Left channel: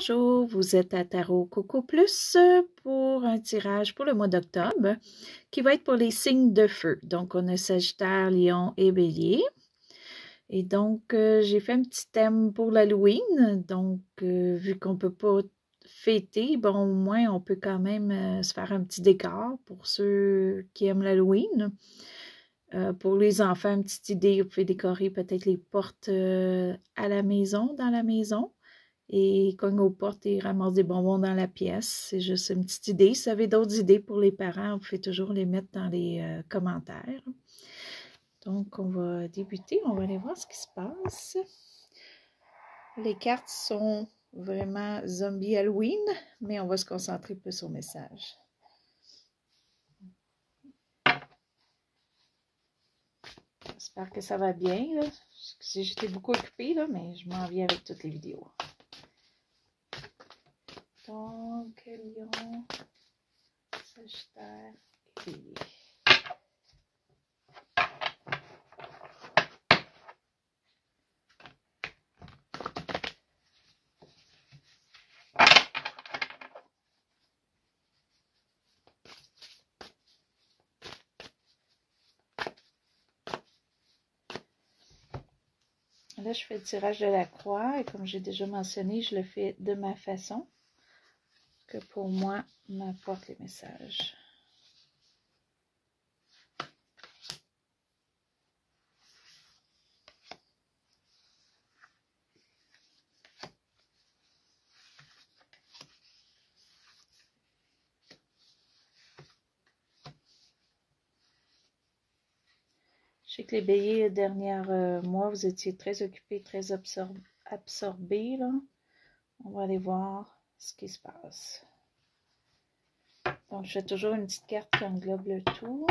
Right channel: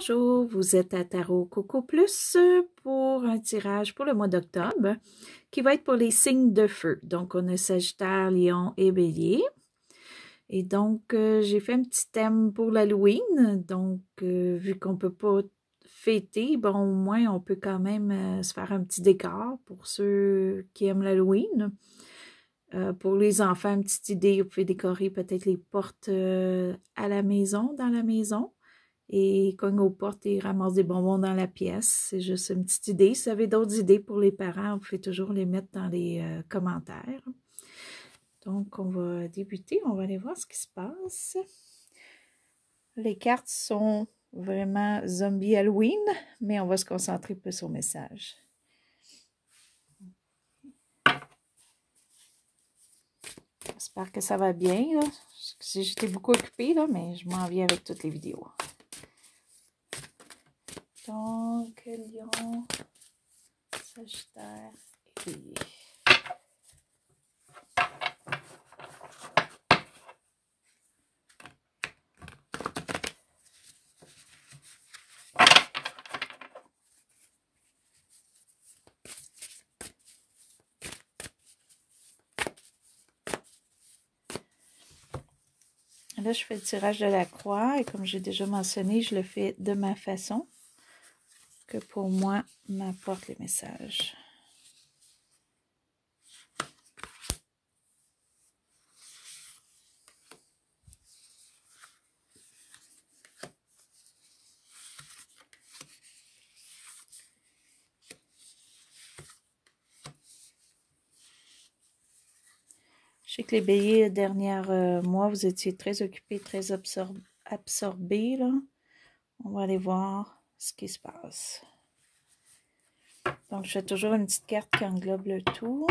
Bonjour, vous êtes à Tarot Coco Plus pour un tirage pour le mois d'octobre qui va être pour les signes de feu. Donc, on a Sagittaire, Lion et Bélier. Et donc, j'ai fait un petit thème pour l'Halloween. Donc, vu qu'on ne peut pas fêter, bon, au moins, on peut quand même se faire un petit décor pour ceux qui aiment l'Halloween. Pour les enfants, une petite idée, vous pouvez décorer peut-être les portes à la maison, dans la maison. Et cogne aux portes et ramasse des bonbons dans la pièce. C'est juste une petite idée. Si vous avez d'autres idées pour les parents, vous pouvez toujours les mettre dans les commentaires. Donc, on va débuter. On va aller voir ce qui se passe. Les cartes sont vraiment zombie Halloween, mais on va se concentrer plus au message. J'espère que ça va bien. J'étais beaucoup occupée, là, mais je m'en viens avec toutes les vidéos. Donc, Lion, Sagittaire et Bélier. Là, je fais le tirage de la croix et comme j'ai déjà mentionné, je le fais de ma façon que pour moi m'apporte les messages. Je sais que les béliers, les derniers mois, vous étiez très occupés, très absorbés, là. On va aller voir ce qui se passe. Donc, je fais toujours une petite carte qui englobe le tout.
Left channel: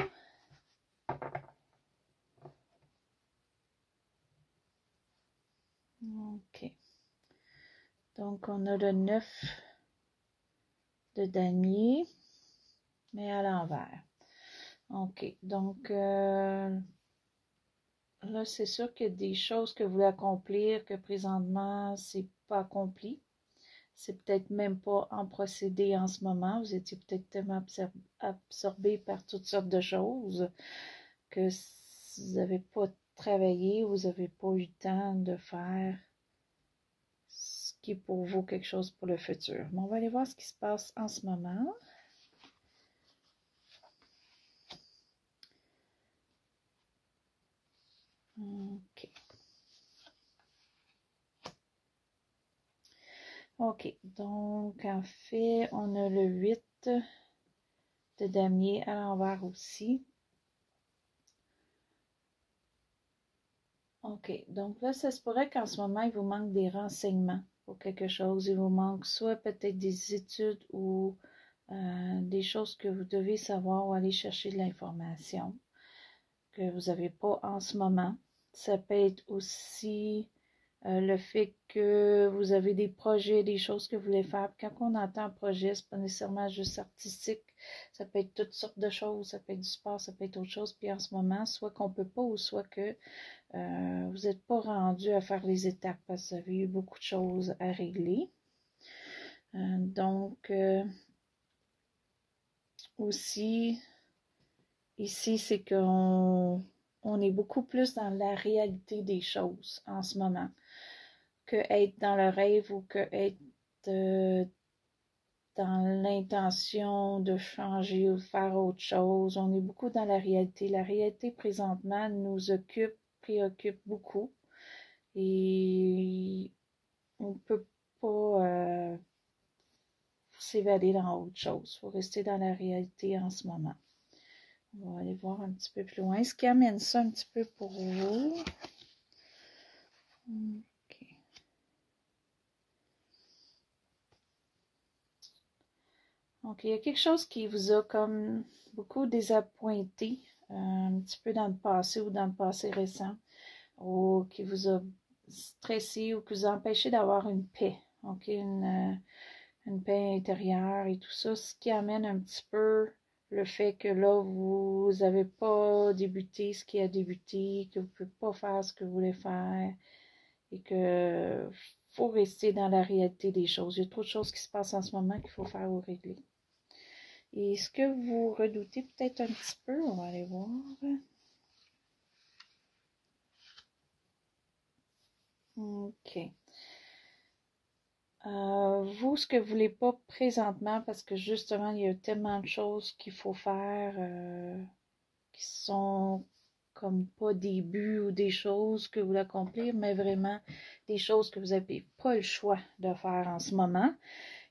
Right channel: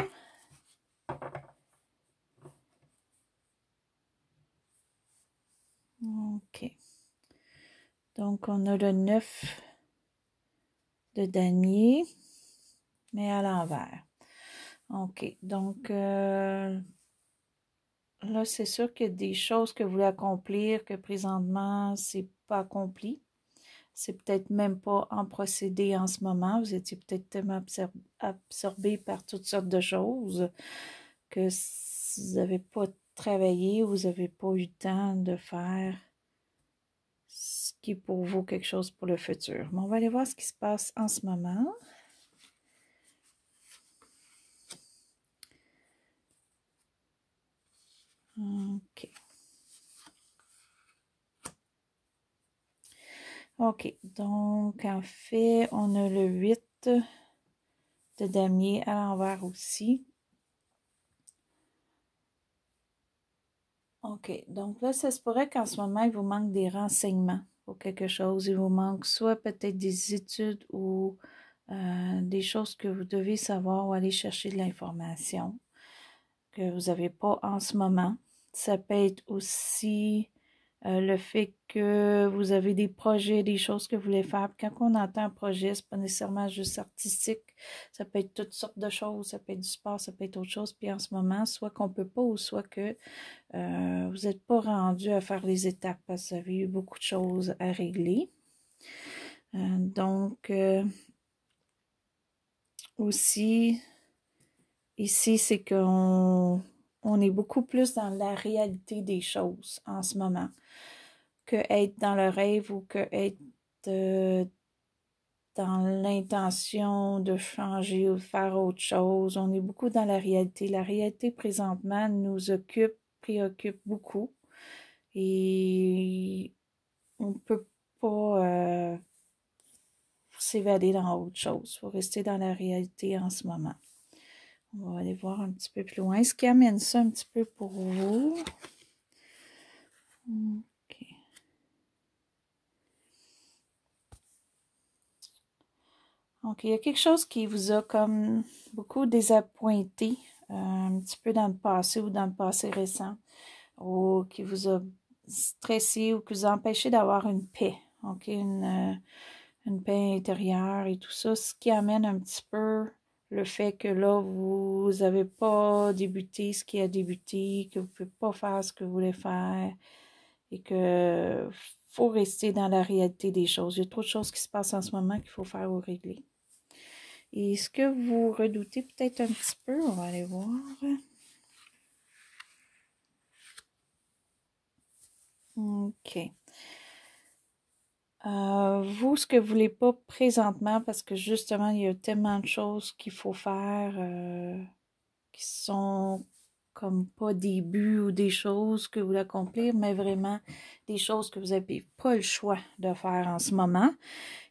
OK. Donc, on a le 9 de damier, mais à l'envers. OK. Donc, là, c'est sûr qu'il y a des choses que vous voulez accomplir que présentement, c'est pas accompli. C'est peut-être même pas en procédé en ce moment. Vous étiez peut-être tellement absorbé par toutes sortes de choses que vous n'avez pas travaillé ou vous n'avez pas eu le temps de faire ce qui est pour vous quelque chose pour le futur. Mais on va aller voir ce qui se passe en ce moment. OK. OK, donc en fait, on a le 8 de damier à l'envers aussi. OK, donc là, ça se pourrait qu'en ce moment, il vous manque des renseignements pour quelque chose. Il vous manque soit peut-être des études ou des choses que vous devez savoir ou aller chercher de l'information que vous n'avez pas en ce moment. Ça peut être aussi le fait que vous avez des projets, des choses que vous voulez faire. Quand on entend un projet, ce n'est pas nécessairement juste artistique. Ça peut être toutes sortes de choses. Ça peut être du sport, ça peut être autre chose. Puis en ce moment, soit qu'on ne peut pas ou soit que vous n'êtes pas rendu à faire les étapes parce que vous avez eu beaucoup de choses à régler. Donc, aussi, ici, c'est qu'on est beaucoup plus dans la réalité des choses en ce moment que être dans le rêve ou que être dans l'intention de changer ou de faire autre chose. On est beaucoup dans la réalité. La réalité, présentement, nous occupe, préoccupe beaucoup. Et on ne peut pas s'évader dans autre chose. Il faut rester dans la réalité en ce moment. On va aller voir un petit peu plus loin. Ce qui amène ça un petit peu pour vous. OK. Donc, il y a quelque chose qui vous a comme beaucoup désappointé un petit peu dans le passé ou dans le passé récent, ou qui vous a stressé ou qui vous a empêché d'avoir une paix, OK, une paix intérieure et tout ça, ce qui amène un petit peu le fait que là, vous n'avez pas débuté ce qui a débuté, que vous ne pouvez pas faire ce que vous voulez faire et que faut rester dans la réalité des choses. Il y a trop de choses qui se passent en ce moment qu'il faut faire ou régler. Et ce que vous redoutez peut-être un petit peu, on va aller voir. OK. Vous, ce que vous voulez pas présentement, parce que justement, il y a tellement de choses qu'il faut faire qui sont comme pas des buts ou des choses que vous voulez accomplir, mais vraiment des choses que vous n'avez pas le choix de faire en ce moment.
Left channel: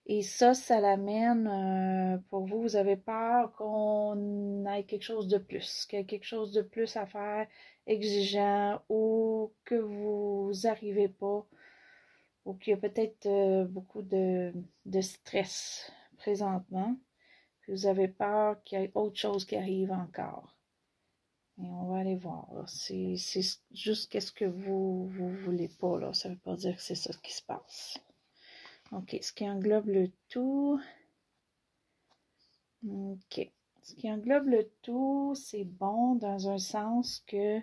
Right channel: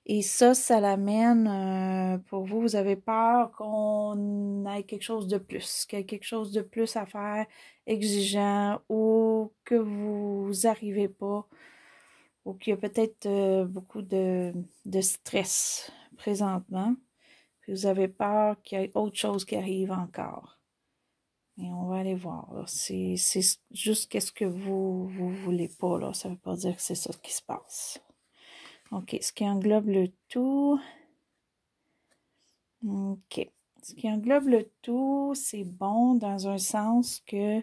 Et ça l'amène, pour vous, vous avez peur qu'on ait quelque chose de plus, qu'il y ait quelque chose de plus à faire, exigeant, ou que vous n'arrivez pas, ou qu'il y a peut-être beaucoup de stress présentement, puis vous avez peur qu'il y ait autre chose qui arrive encore. Et on va aller voir. C'est juste qu'est-ce que vous voulez pas, là. Ça veut pas dire que c'est ça qui se passe. OK. Ce qui englobe le tout. OK. Ce qui englobe le tout, c'est bon dans un sens que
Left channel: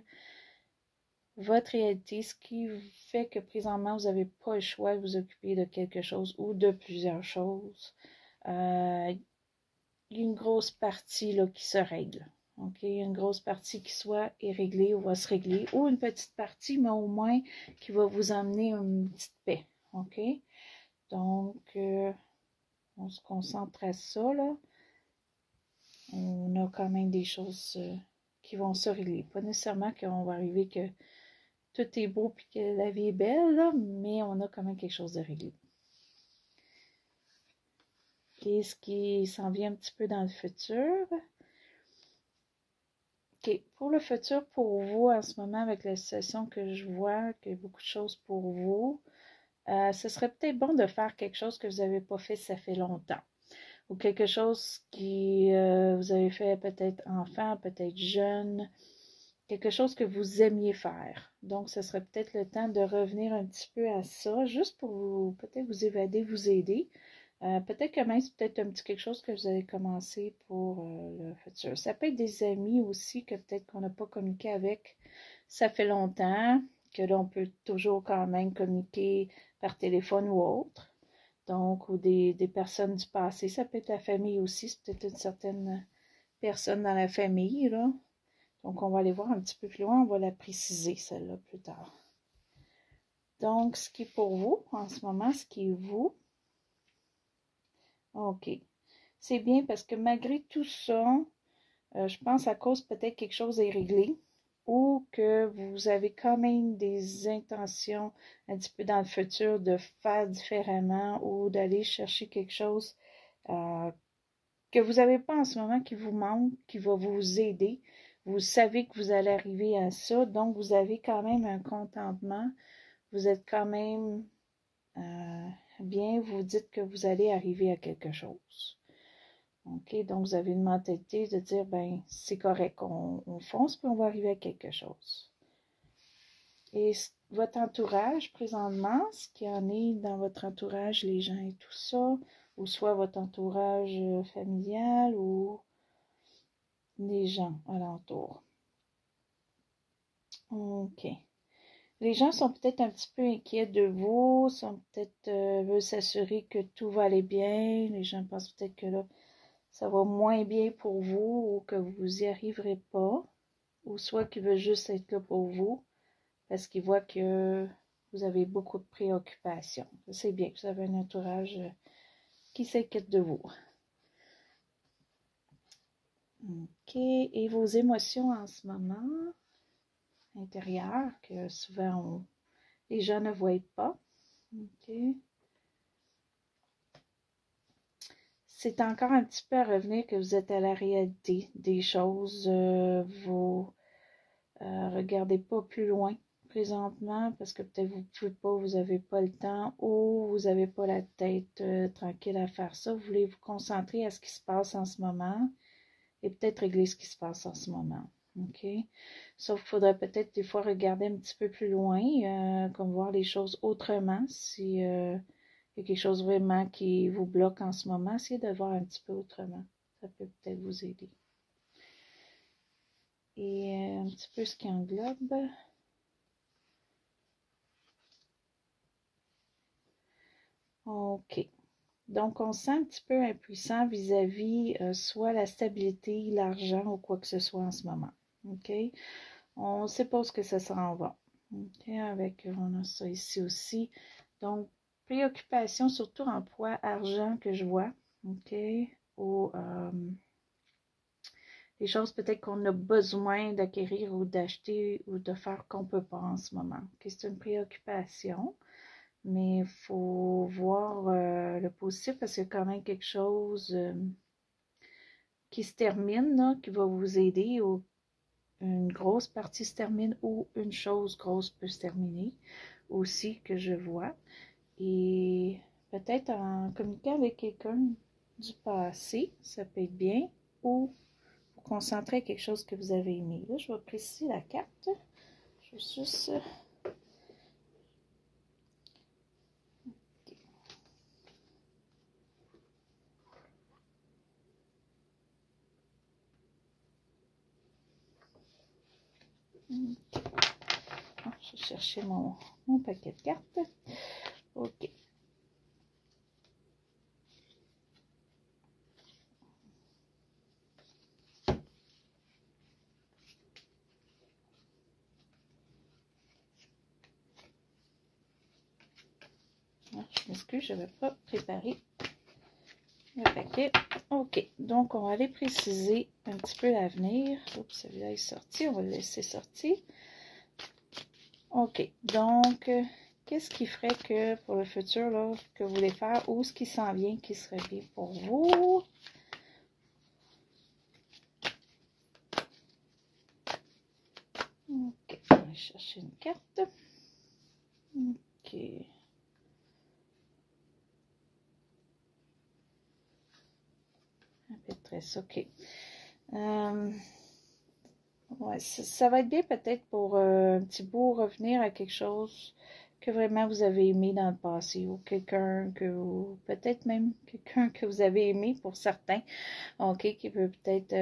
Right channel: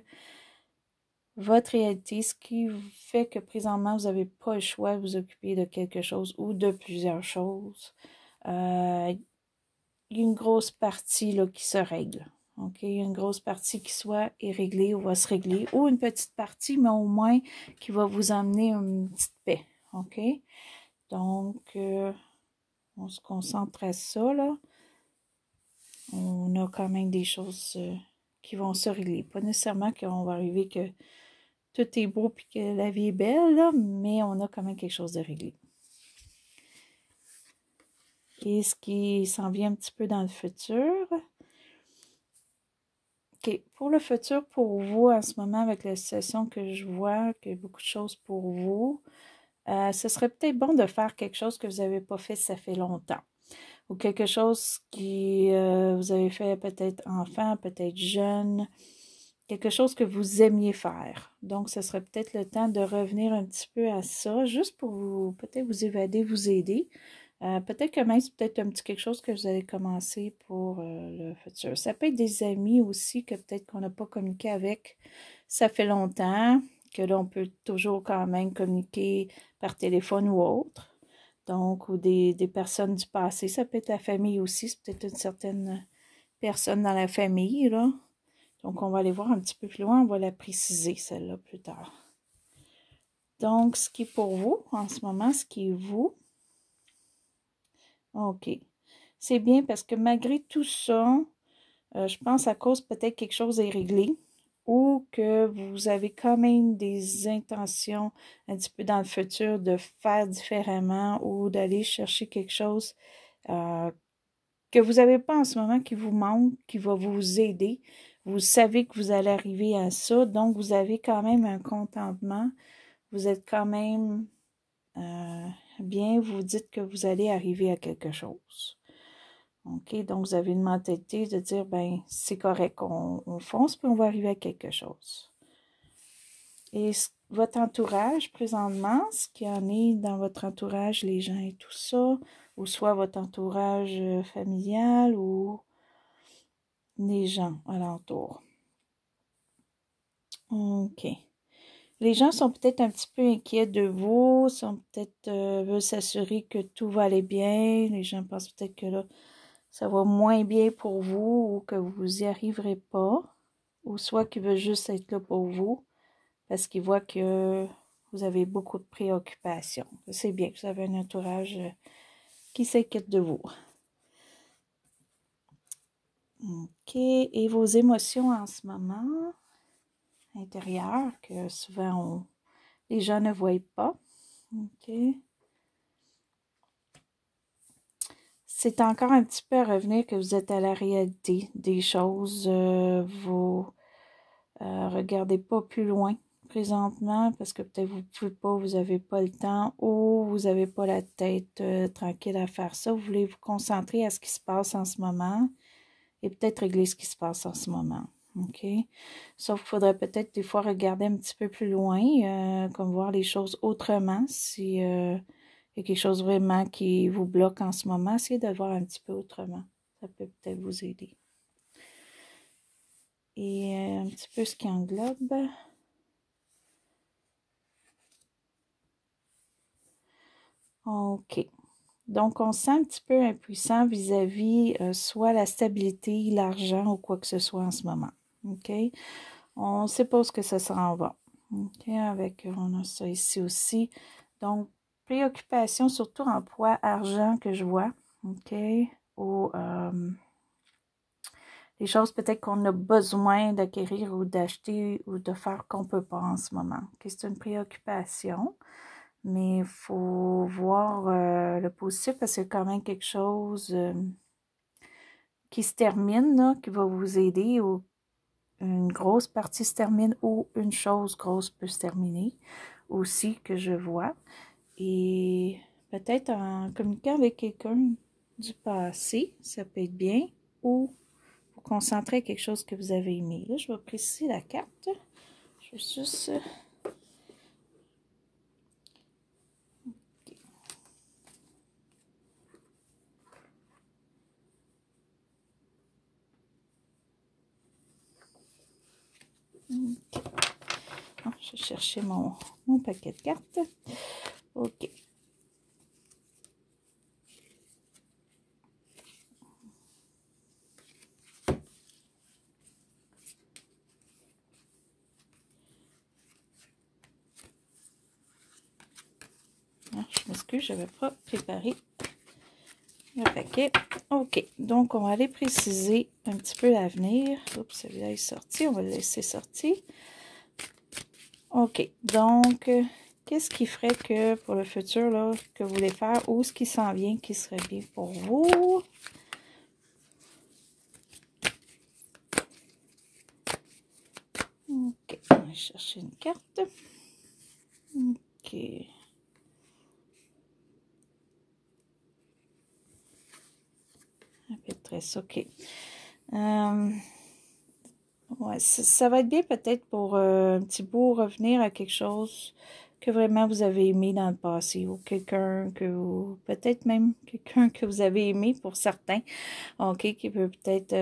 votre réalité, ce qui fait que présentement, vous n'avez pas le choix de vous occuper de quelque chose ou de plusieurs choses. Il y a une grosse partie là, qui se règle. OK? Il y a une grosse partie qui soit est réglée ou va se régler, ou une petite partie, mais au moins qui va vous emmener une petite paix. OK? Donc, on se concentre à ça, là. On a quand même des choses qui vont se régler. Pas nécessairement qu'on va arriver que tout est beau et que la vie est belle, là, mais on a quand même quelque chose de réglé. Et ce qui s'en vient un petit peu dans le futur. OK. Pour le futur, pour vous, en ce moment, avec la situation que je vois, qu'il y a beaucoup de choses pour vous, ce serait peut-être bon de faire quelque chose que vous n'avez pas fait, ça fait longtemps. Ou quelque chose qui vous avez fait peut-être enfant, peut-être jeune, quelque chose que vous aimiez faire. Donc, ce serait peut-être le temps de revenir un petit peu à ça, juste pour vous, peut-être vous évader, vous aider. Peut-être que même c'est peut-être un petit quelque chose que vous allez commencer pour le futur. Ça peut être des amis aussi que peut-être qu'on n'a pas communiqué avec. Ça fait longtemps que là, on peut toujours quand même communiquer par téléphone ou autre. Donc, ou des personnes du passé. Ça peut être la famille aussi. C'est peut-être une certaine personne dans la famille, là. Donc, on va aller voir un petit peu plus loin. On va la préciser, celle-là, plus tard. Donc, ce qui est pour vous, en ce moment, ce qui est vous. OK. C'est bien parce que malgré tout ça, je pense à cause peut-être quelque chose est réglé ou que vous avez quand même des intentions un petit peu dans le futur de faire différemment ou d'aller chercher quelque chose que vous n'avez pas en ce moment, qui vous manque, qui va vous aider. Vous savez que vous allez arriver à ça, donc vous avez quand même un contentement. Vous êtes quand même bien, vous dites que vous allez arriver à quelque chose. OK, donc vous avez une mentalité de dire, ben c'est correct, on fonce, puis on va arriver à quelque chose. Et votre entourage, présentement, ce qu'il y en est dans votre entourage, les gens et tout ça, ou soit votre entourage familial ou les gens alentour. OK. Les gens sont peut-être un petit peu inquiets de vous, sont peut-être veulent s'assurer que tout va aller bien. Les gens pensent peut-être que là, ça va moins bien pour vous ou que vous n'y arriverez pas. Ou soit qu'ils veulent juste être là pour vous parce qu'ils voient que vous avez beaucoup de préoccupations. C'est bien que vous avez un entourage qui s'inquiète de vous. OK. Et vos émotions en ce moment intérieures que souvent les gens ne voient pas. OK. C'est encore un petit peu à revenir que vous êtes à la réalité des choses. Vous regardez pas plus loin présentement parce que peut-être vous ne pouvez pas, vous n'avez pas le temps ou vous n'avez pas la tête tranquille à faire ça. Vous voulez vous concentrer à ce qui se passe en ce moment et peut-être régler ce qui se passe en ce moment. OK? Sauf qu'il faudrait peut-être des fois regarder un petit peu plus loin, comme voir les choses autrement. Si il y a quelque chose vraiment qui vous bloque en ce moment, essayez de le voir un petit peu autrement. Ça peut peut-être vous aider. Et un petit peu ce qui englobe. OK. Donc, on se sent un petit peu impuissant vis-à-vis soit la stabilité, l'argent ou quoi que ce soit en ce moment. OK? On ne sait pas ce que ça s'en va. OK? On a ça ici aussi. Donc, préoccupation, surtout emploi, argent que je vois. OK? Ou des choses peut-être qu'on a besoin d'acquérir ou d'acheter ou de faire qu'on ne peut pas en ce moment. OK? C'est une préoccupation. Mais il faut voir le positif parce que c'est quand même quelque chose qui se termine, là, qui va vous aider, ou une grosse partie se termine, ou une chose grosse peut se terminer aussi que je vois. Et peut-être en communiquant avec quelqu'un du passé, ça peut être bien, ou vous concentrer à quelque chose que vous avez aimé. Là, je vais préciser la carte. Je vais juste... Je vais chercher mon paquet de cartes. OK. Je m'excuse, je n'avais pas préparé le paquet. OK, donc on va aller préciser un petit peu l'avenir. Oups, celui-là est sorti, on va le laisser sortir. OK, donc, qu'est-ce qui ferait que pour le futur, là, que vous voulez faire, ou ce qui s'en vient qui serait bien pour vous? OK, on va chercher une carte. OK. Impétresse, OK. Ouais, ça va être bien peut-être pour un petit bout revenir à quelque chose que vraiment vous avez aimé dans le passé, ou quelqu'un que vous, peut-être même quelqu'un que vous avez aimé pour certains, OK, qui peut peut-être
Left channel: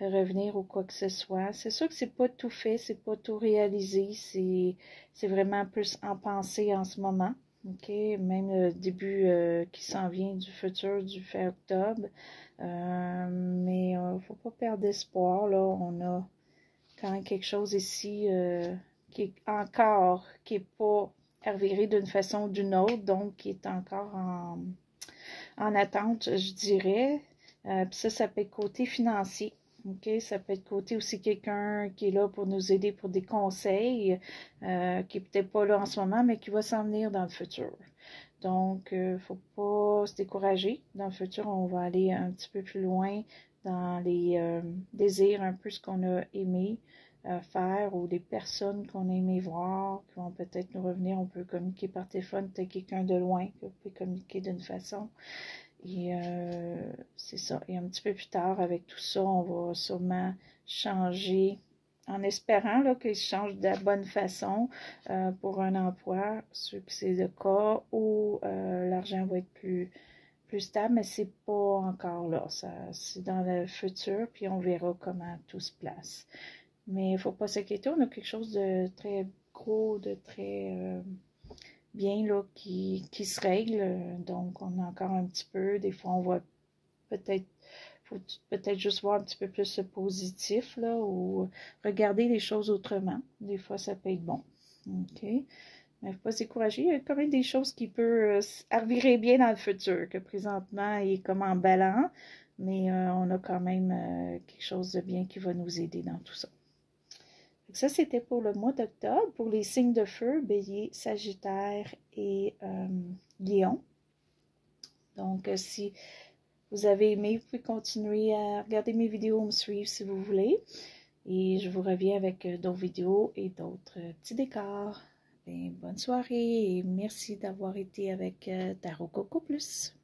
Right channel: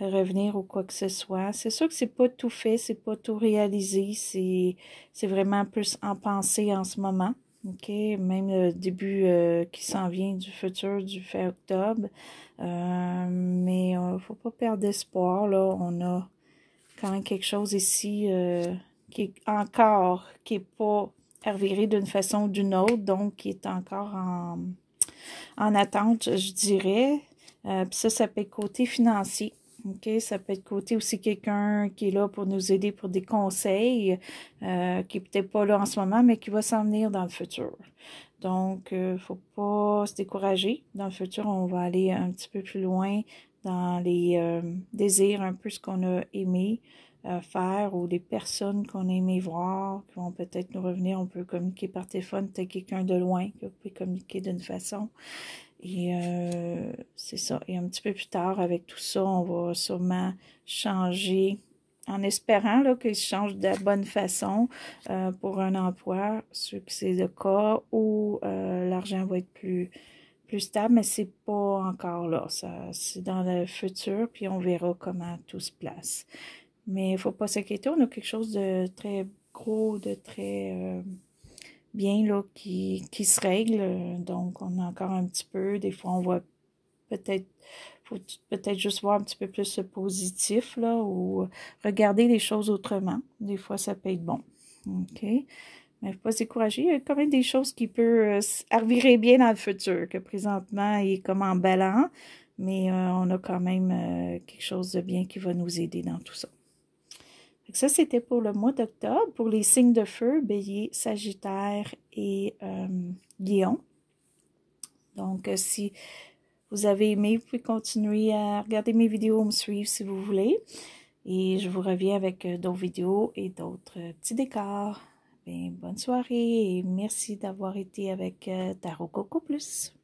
revenir ou quoi que ce soit. C'est sûr que c'est pas tout fait, c'est pas tout réalisé, c'est vraiment plus en pensée en ce moment, OK, même le début qui s'en vient du futur, du fait octobre, mais faut pas perdre espoir, là, on a quand même quelque chose ici qui est encore, qui n'est pas reviré d'une façon ou d'une autre, donc qui est encore en attente, je dirais. Puis ça peut être côté financier. OK, ça peut être côté aussi quelqu'un qui est là pour nous aider pour des conseils, qui n'est peut-être pas là en ce moment, mais qui va s'en venir dans le futur. Donc, il ne faut pas se décourager. Dans le futur, on va aller un petit peu plus loin dans les désirs, un peu ce qu'on a aimé faire, ou les personnes qu'on a aimé voir, qui vont peut-être nous revenir. On peut communiquer par téléphone, peut-être quelqu'un de loin, que vous pouvez communiquer d'une façon. Et c'est ça. Et un petit peu plus tard, avec tout ça, on va sûrement changer, en espérant qu'il se change de la bonne façon pour un emploi, ceux que c'est le cas, où l'argent va être plus stable, mais c'est pas encore là. C'est dans le futur, puis on verra comment tout se place. Mais il ne faut pas s'inquiéter, on a quelque chose de très gros, de très bien là, qui se règle. Donc, on a encore un petit peu. Des fois, on voit peut-être, faut peut-être juste voir un petit peu plus le positif, là, ou regarder les choses autrement. Des fois, ça peut être bon. OK? Mais il ne faut pas se décourager. Il y a quand même des choses qui peuvent revirer bien dans le futur, que présentement, il est comme en ballon, mais on a quand même quelque chose de bien qui va nous aider dans tout ça. Ça, c'était pour le mois d'octobre, pour les signes de feu, Bélier, Sagittaire et Lion. Donc, si vous avez aimé, vous pouvez continuer à regarder mes vidéos, me suivre si vous voulez. Et je vous reviens avec d'autres vidéos et d'autres petits décors. Bien, bonne soirée et merci d'avoir été avec Tarot Coco Plus.